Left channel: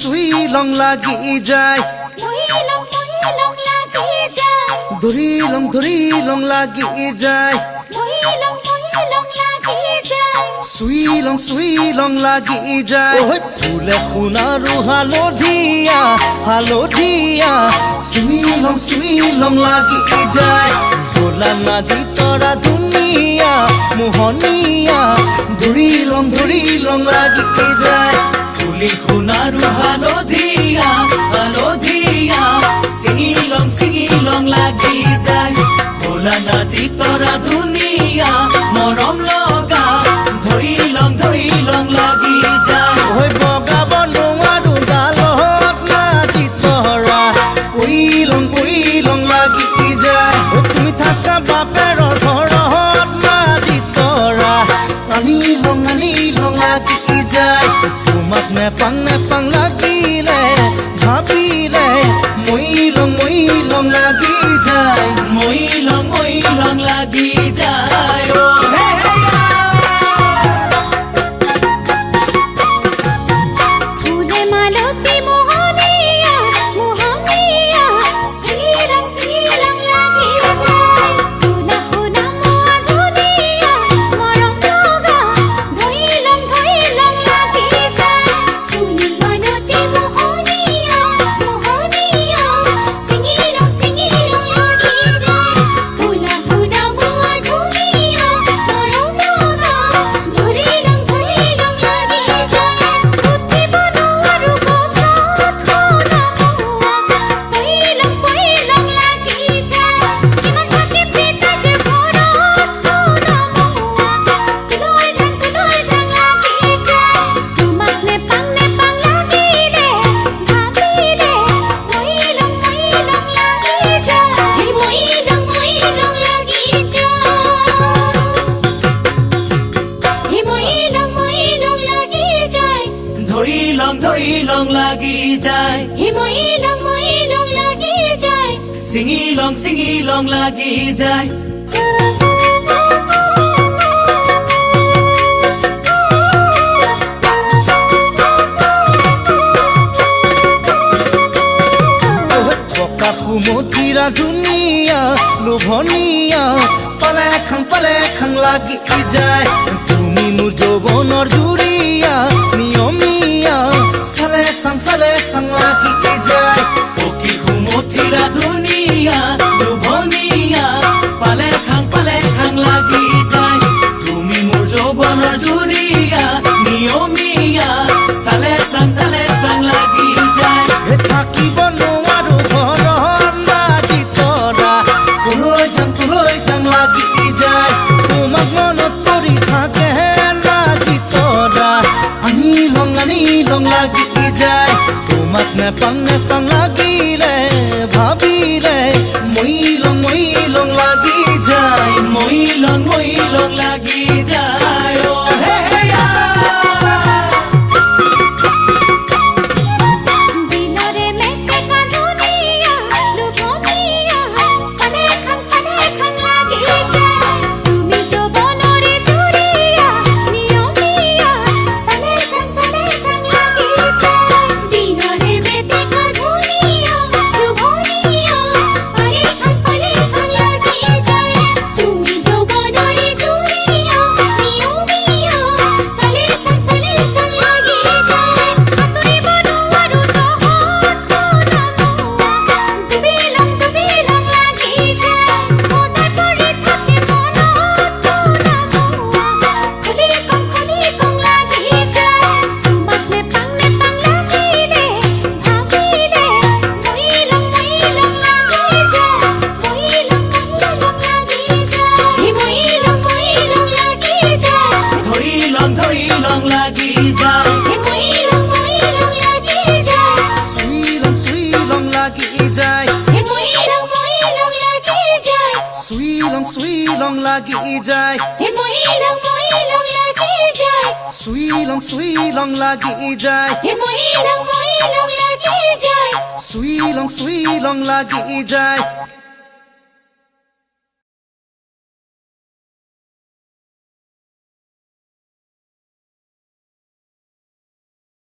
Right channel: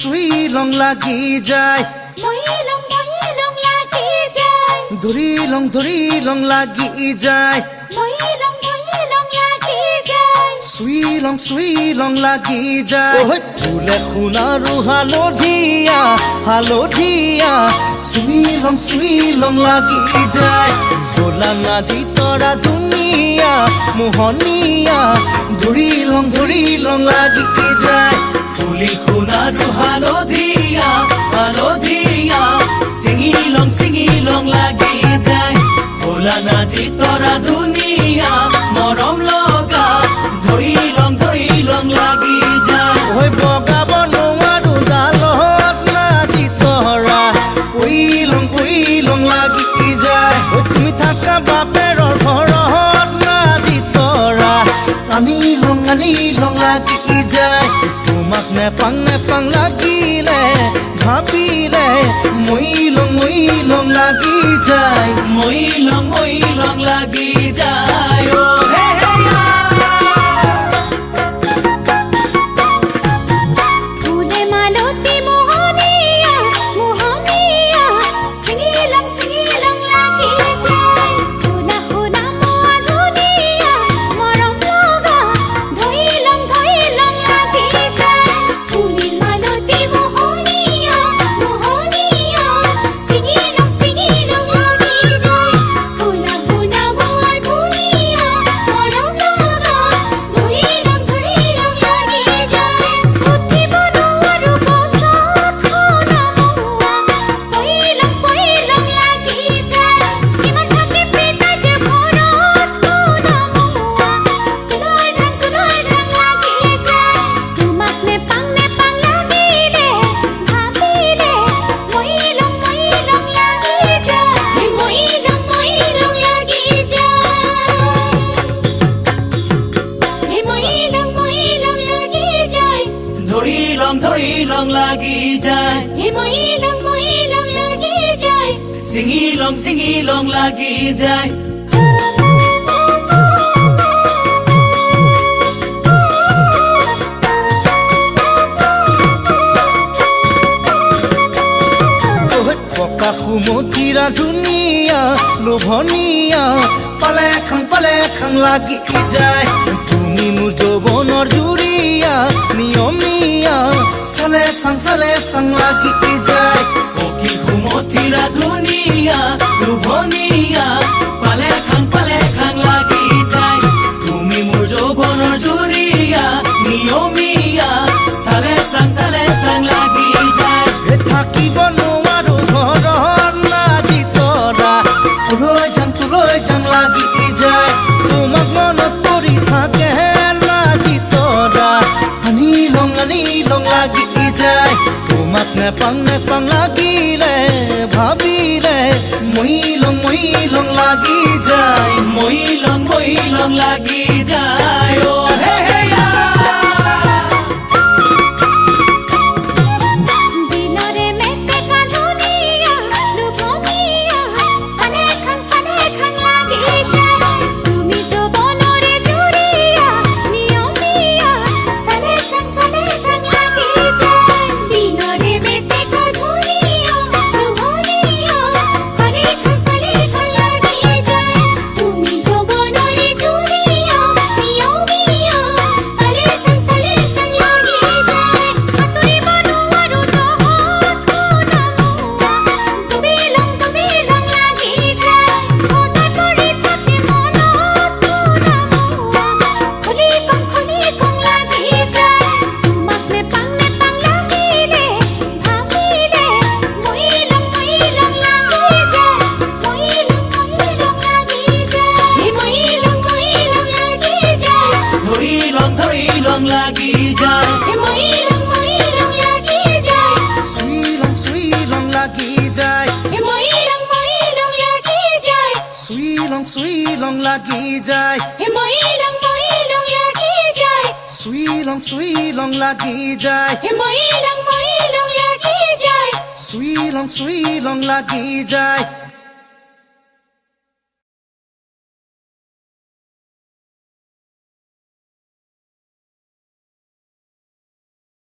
সুই লং লাগি যায় ধৰি লং লাগি যায় সুই লং লাগি যায় ওহ ফুলে খুনাৰু হালধীয়া চিঙি লং লাগি যায় গোলা নাজি তৰা ধুনীয়া মোহনীয়া ধৰি লং লাগি যায় ফুলি খুনাৰু হালধীয়া চিঙি লং লাগি যায় গোলা নাজি তৰা ধুনীয়া মৰম লগা ধৰি লং লাগি যায় ঐ বগাব নোৱাৰো ডালত নাজি তৰা পৰি লং লাগি যায় ঐ তুমি থাকা বাপেৰৰ ঘৰত নাজি তৰা আনি লং লাগি যায় তোমাক নেপাং লাগিলে ভাবিলে মই লং লাগি যায় মই লং লাগি যায় ও হে হে ধৰি লং লাগি যায় চিঙি লং লাগি যায় পকা সুমথিৰা ধুনীয়া লোভনীয়া পালে খাং লাগি যায় তুমি মোৰ যৌৱনৰ জুৰিয়া নিয়মীয়া চালে চাং লাগি যায় পকি সুমথিৰা ধুনীয়া লোভনীয়া পালে খাং লাগি যায় তুমি মোৰ যৌৱনৰ জুৰিয়া নিয়মীয়া চালে চাং লাগি যায় থাকিব নোৱাৰো ঘৰত নাজি তৰা লৈ যাম লাগি যায় তোমাক মনত পৰি থাকে নাজি তৰা আনি লং লাগি যায় তোমাক নেপাং লাগিলে ভাবিলে মই লং লাগি যায় মই লং লাগি যায় ও হে হে লং লাগি যায় সুই লং লাগি যায় সুই লং লাগি যায় সুই লং লাগি যায় সুই লং লাগি যায়